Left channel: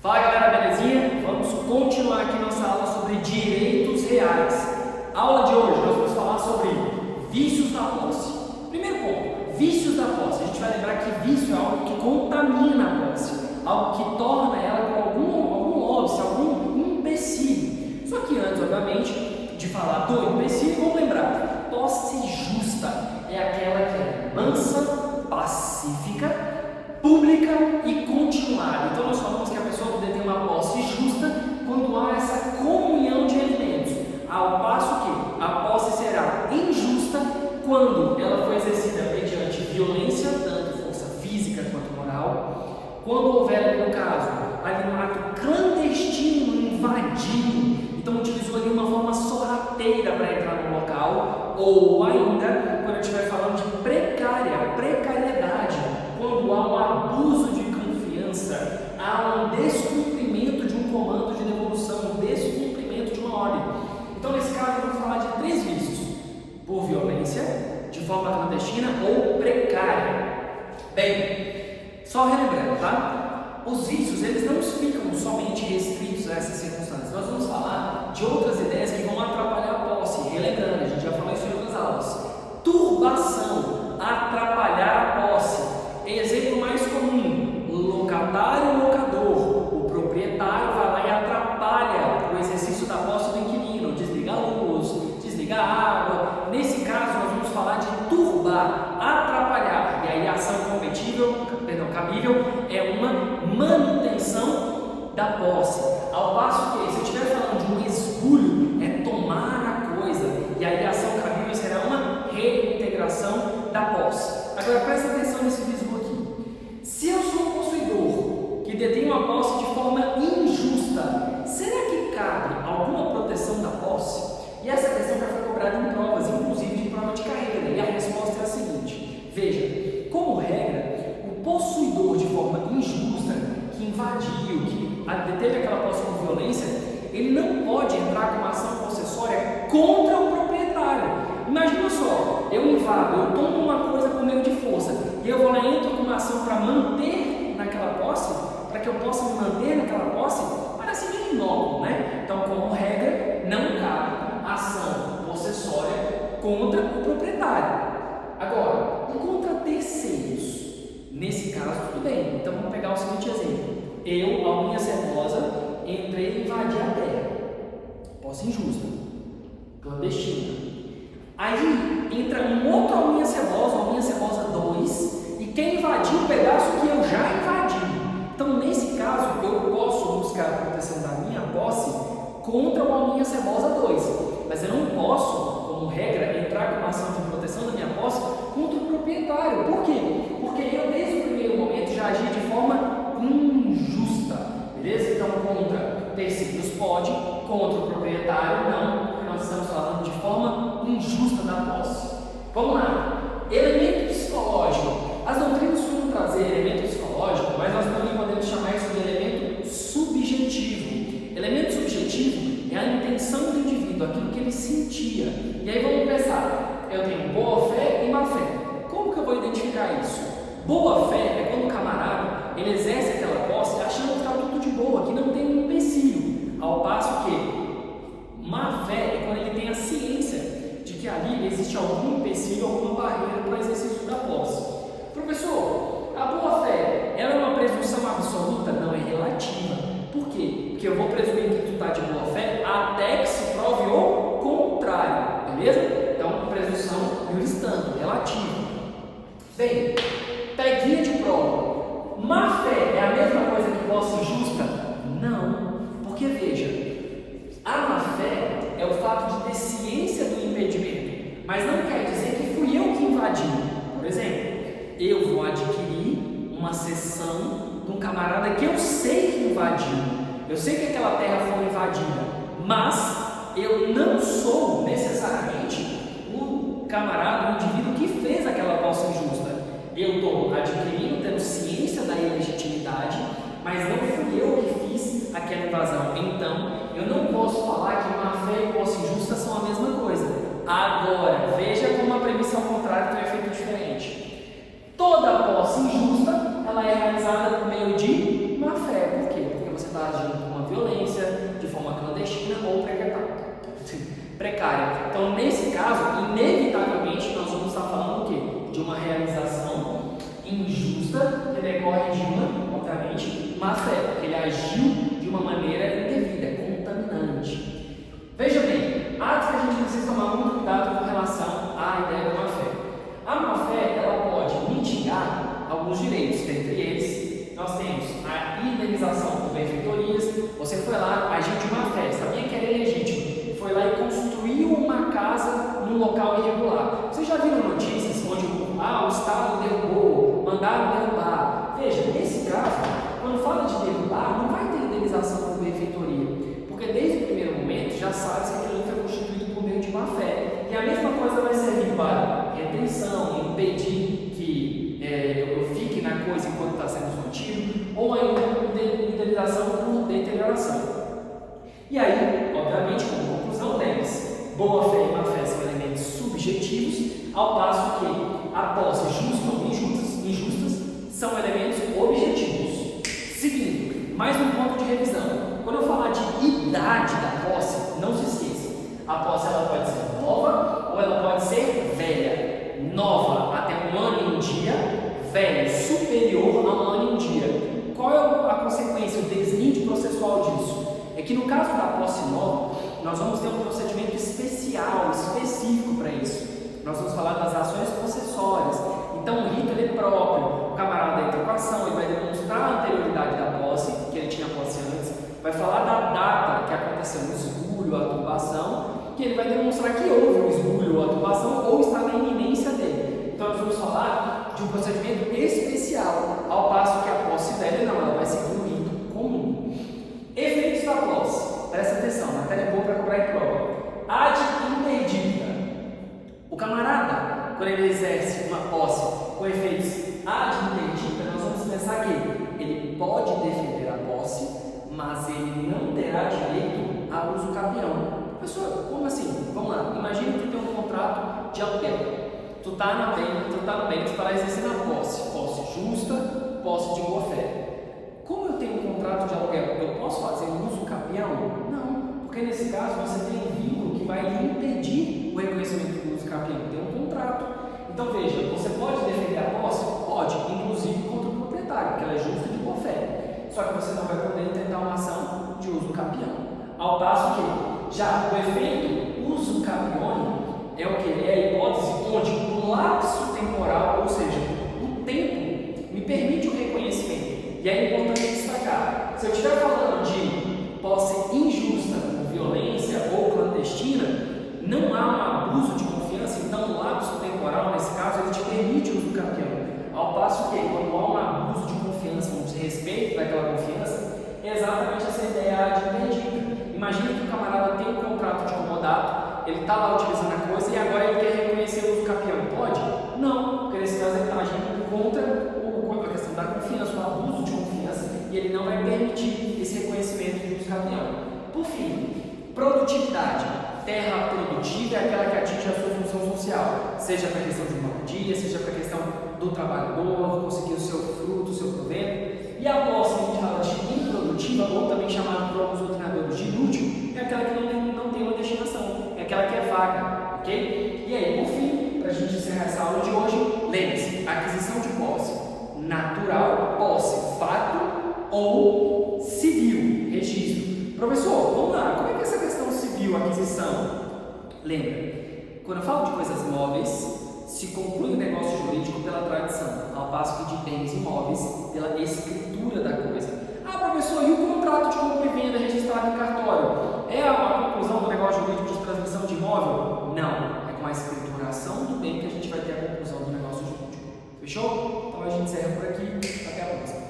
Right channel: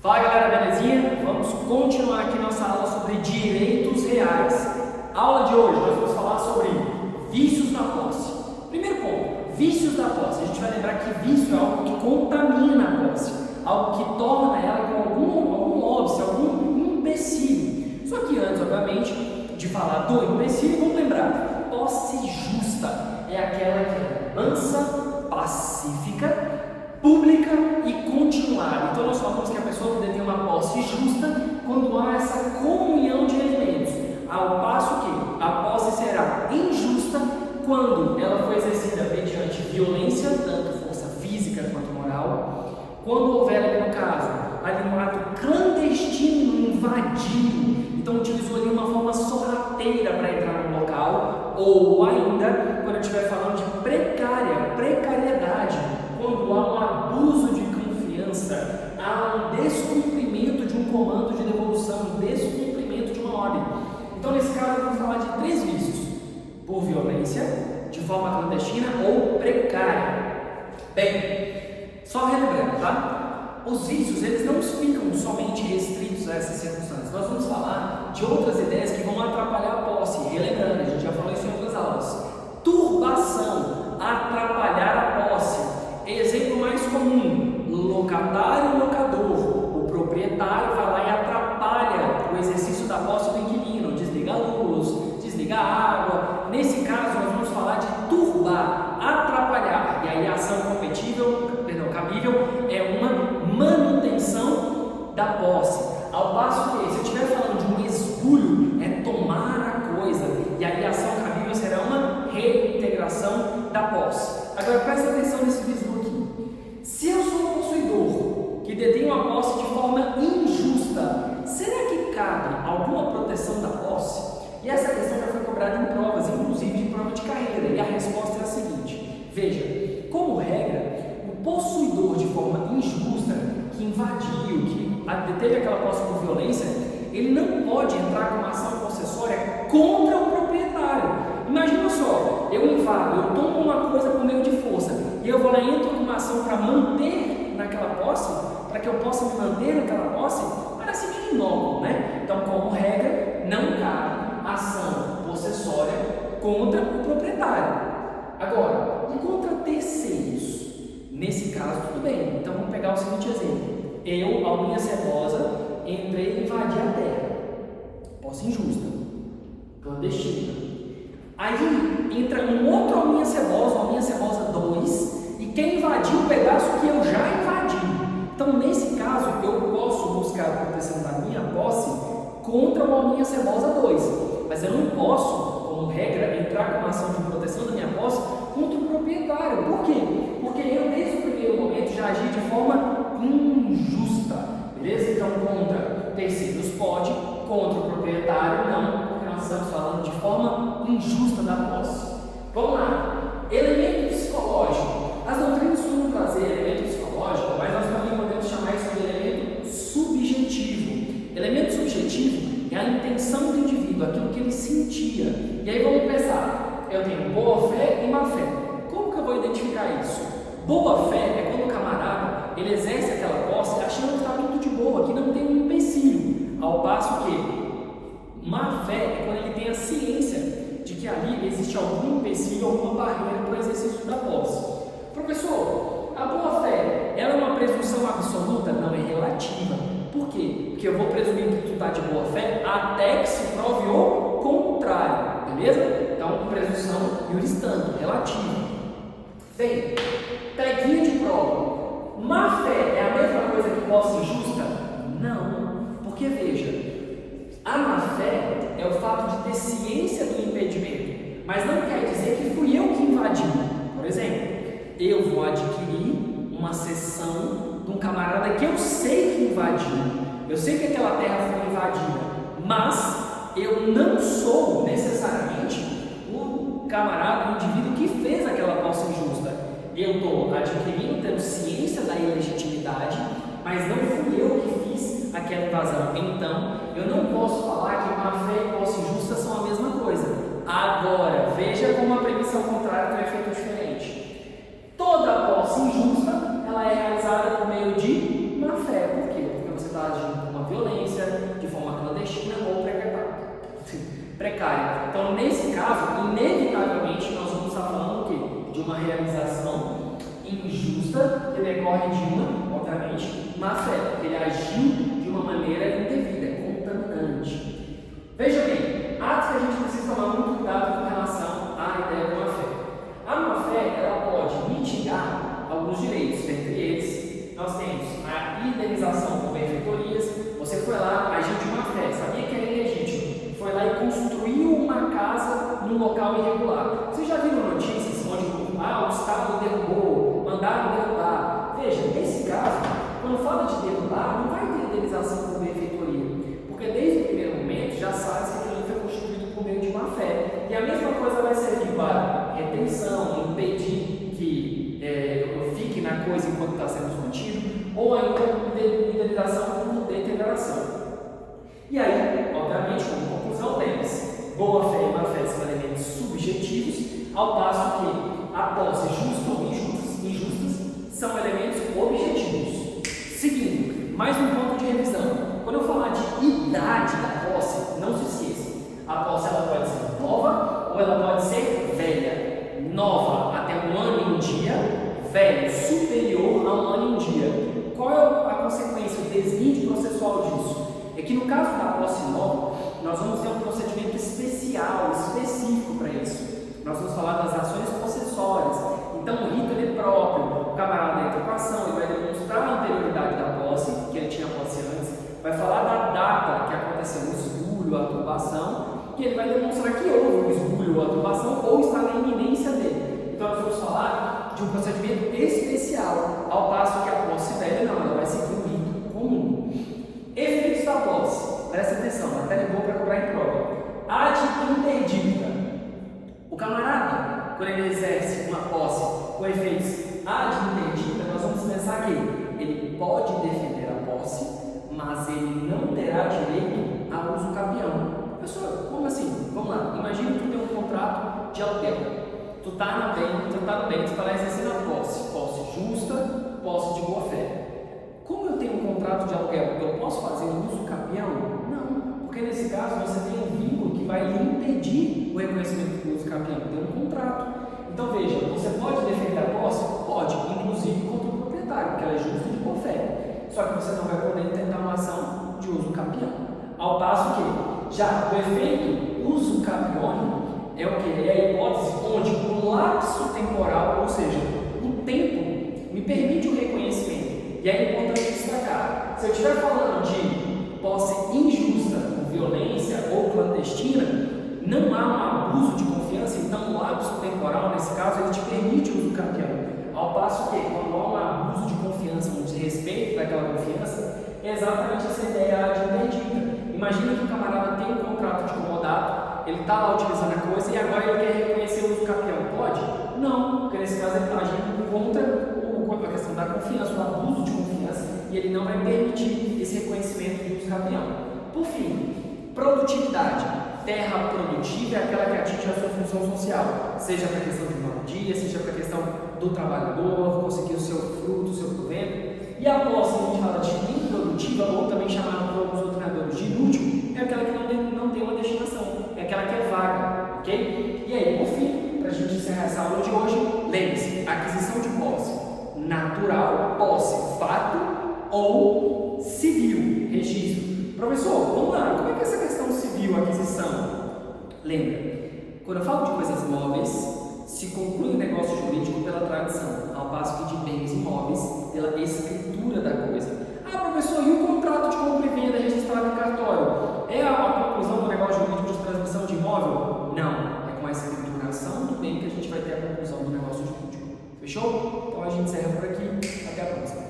Fala galera, belezinha? Vamos continuar aqui nossa aula sobre direitos reais. Aula de hoje nós vamos falar sobre vícios da posse. Primeiro ponto, vícios da posse. A gente vai lembrar que vício é algo que contamina a posse, algo que torna ela com algum óbice, algum empecilho. Só que antes, obviamente, de falar do empecilho, vamos lembrar, posse justa é aquela que é mansa, pacífica, pública e continuada. Então nós falamos que a pessoa detém uma posse justa quando há essa comunhão de elementos, ao passo que a posse será injusta quando ela foi exercida mediante violência, tanto força física quanto moral, quando houver ali no caso ali um ato clandestino, invadido, então utilizou ali uma forma sorrateira para entrar no local, ou ainda quando eu estiver falando de precariedade, quando há um abuso de confiança, há um descumprimento de um comando de devolução, um descumprimento de uma ordem. Então, nesse caso, vamos falar de 3 vícios: por violência, de forma clandestina ou precária. Bem, só relembrando, tá? Os vícios, eles não ficam somente restritos a essas circunstâncias. Nós vamos falar de outras ideias que vão atrapalhar a posse. Relembrando, a gente já falou isso em outras aulas. Turbação, atrapalhar a posse. Exemplo mais comum: locatário e locador. O proprietário vai lá e atrapalha o exercício da posse do inquilino, desliga a luz, desliga a água. Nesse caso, nós vamos falar de turbar, atrapalhar. E aí a ação cabível é uma manutenção da posse. Ao passo que, se eu estiver falando de um esbulho, é tomar a coisa. E aí a ação cabível será uma reintegração da posse. Agora presta atenção nesse visu aqui. Se eu sou um possuidor que detém uma posse de forma injusta, será que cabe alguma proteção da posse? E essa questão já foi cobrada em provas, inclusive de prova de carreira. E a resposta é a seguinte: veja, como regra, o possuidor de forma injusta, que invadiu, que deteve aquela posse com violência, ele não pode entrar com uma ação possessória contra o proprietário. Imagina só, eu invado, eu tomo uma coisa por meio de força, e eu vou lá e entro com uma ação para manter naquela posse, para que eu possa me manter naquela posse, parece meio inócuo, né? Então, como regra, não cabe ação possessória contra o proprietário. Agora, e contra terceiros? Nesse caso, tudo bem. Então, vamos pegar o seguinte exemplo. Eu, alminha cebosa, entrei e invadi a terra. Posse injusta, clandestina. Aí entra um outro alminha cebosa 2, e quem invadiu o pedaço que eu já invadi. Então, nesse caso, eu posso buscar a proteção da minha posse contra o alminha cebosa 2, mas eu não posso, como regra, entrar com uma ação de proteção da minha posse contra o proprietário. Por quê? Porque eu, desde o primeiro momento, já agi de forma injusta, beleza? Então, contra terceiros pode, contra o proprietário não, porque nós estamos falando de forma injusta da posse. Vamos lá. Elemento psicológico. As doutrinas costumam trazer elemento psicológico, mas nós também podemos chamar isso de elemento subjetivo. Elemento subjetivo é a intenção do indivíduo, aquilo que ele sentia. E aí vamos pensar, eu tenho boa fé e má fé. Como que eu vou identificar isso? Boa fé é quando o camarada ele exerce aquela posse achando que está tudo de boa, que não tem um empecilho. Ao passo que má fé é quando ele tem a ciência de que ali existe algum empecilho, alguma barreira para o exercício da posse. Professor, a boa fé, ela é uma presunção absoluta? Não, é relativa. Por quê? Porque eu vou presumir que tu está de boa fé até que se prove o contrário, beleza? Então, presunção iuristante, relativa. Bem, peguinha de prova. Má fé é a mesma coisa que posse injusta? Não, porque veja, a má fé é o fato de ter ciência do impedimento, mas não quer dizer que fui eu que invadi. Por exemplo, eu vou adquirir uma cessão de um camarada que eu sei que invadiu, eu sei que aquela terra foi invadida, mas eu não sou necessariamente o camarada, o indivíduo que fez aquela posse injusta. Eu estou adquirindo, tendo ciência da ilegitimidade, mas não fui eu que fiz aquela invasão. Então, eu não posso falar que má fé e posse injusta são a mesma coisa. Agora, veja como a premissa ao contrário tem um efeito diferente. Toda posse injusta, ela é realizada por meio de má fé. Por quê? Porque você está precária. Então, nesse caso, inevitavelmente, nós vamos estar falando o quê? De uma realização injusta que decorre de uma, obviamente, má fé, porque ele agiu de uma maneira indevida, contaminante. Veja bem, atos que a gente precisa tomar muito cuidado com relação à ideia de má fé. A má fé, ela pode mitigar alguns direitos, dentre eles, nós temos a indenização por benfeitorias. Você foi lá, agiu de má fé, sabia que era ilegítimo, foi lá e construiu uma casa num local irregular. Vocês já viram notícias onde o Estado derrubou, mandaram derrubar? Veja, nesse caso, quando fala de derrubar, não vai ter indenização por benfeitoria, porque desde o primeiro momento já sabe que aquilo foi constituído por meio de má fé. E a mesma coisa vai servir para retenção, impedir que fique na coisa enquanto está sendo contido, ou ainda indenização por deterioração. E aí, obviamente, como conclusão, lembre-se, boa fé e má fé são elementos subjetivos, ao passo que a posse justa ou injustas são elementos objetivos. Seguindo, mais um ponto de revisão. Quando eu falar de idade da posse, não se esqueça, a posse ela pode ser nova ou ela pode ser velha. Nova até 1 ano e 1 dia, velho superior a 1 ano e 1 dia. Qual é a consequência, o deslinde processual disso? É que no caso da posse nova, nós vamos ter um procedimento especial, específico para isso. Nós vamos falar das ações possessórias. Então o rito ele é próprio, o camarada entra com a ação, ele vai demonstrar a anterioridade da posse, que ele tinha posse antes, vai falar da data que aconteceu o esbulho, a turbação, que ele vai demonstrar que houve um esbulho ou a turbação ou está na iminência dele. Então nós vamos falar de um procedimento especial, ao passo que a posse velha não, ela vai seguir o rito comum. Efeitos da posse, presta atenção, matéria boa para cobrar em prova. Ad interdicta. O camarada, quando ele exerce uma posse com efeitos ad interdicta, nós vamos pensar que ele pode defender a posse, mas ele não terá direito a uso capião. Professor, como assim? Vamos lá, imagina que tu tem um contrato de aluguel. Tu tá no bem para exercer a posse justa, posse de boa fé. Como eu tenho um contrato de aluguel, eu posso fazer um uso capião? Não, porque nesse caso você tem um vínculo que vai lhe impedir o reconhecimento do uso capião, tem um contrato. Então veja, você pode defender a posse? Pode, inclusive contra o proprietário, porque ela é justa de boa fé. Só que você não vai poder intentar uma ação de uso capião. Ao passo que, já o efeito uso capione é o que? É a hipótese onde o lapso temporal, ou seja, o tempo, me permite o reconhecimento. E é importante destacar, se eu estiver falando de posse injusta, por violência ou clandestina, não há um abuso de confiança, então o lapso temporal, nesse caso, ele te permite o uso capião. Ao passo que, quando há um abuso de confiança, um desrespeito daquela confiança, é exatamente essa ideia de interdita. Imagina que o camarada tem um contrato de comodato, ele está lá utilizando a coisa e agora ele quer reconhecer o uso capião. Pode? Não, porque nesse caso ele está agindo contra a questão da confiança, o abuso de confiança, e ele não vai permitir esse reconhecimento de uso capião. Por fim, produtividade. Terra produtiva é aquela que atinge a sua função social, seja para a questão de moradia, seja para a questão do trabalhador, conseguir o seu fruto, o seu provento. E a posse que a gente fala de improdutiva, ou também chamada por alguns doutrinadores de inútil, é aquela que não tem uma destinação, é aquela que é vaga, ok? E aí, por fim, para a gente encerrar essa aula de hoje, lembre-se, aquisição de posse natural, posse, fato ou civil, registro. Professor, vamos lá, como é que é essa questão civil, aquisição? Lembra, quando eu falo de coisas móveis, se conclui o negócio jurídico pela tradição, ao passo que de bens imóveis, pela escritura da coisa. Ah, professor, e o contrato de compra e venda registrado em cartório? É a conclusão do negócio jurídico de transmissão de imóvel? Não, é com a escrituração do bem que a gente vai ter a conclusão do negócio jurídico. Fechou? Então a gente encerra por aqui. Até a próxima.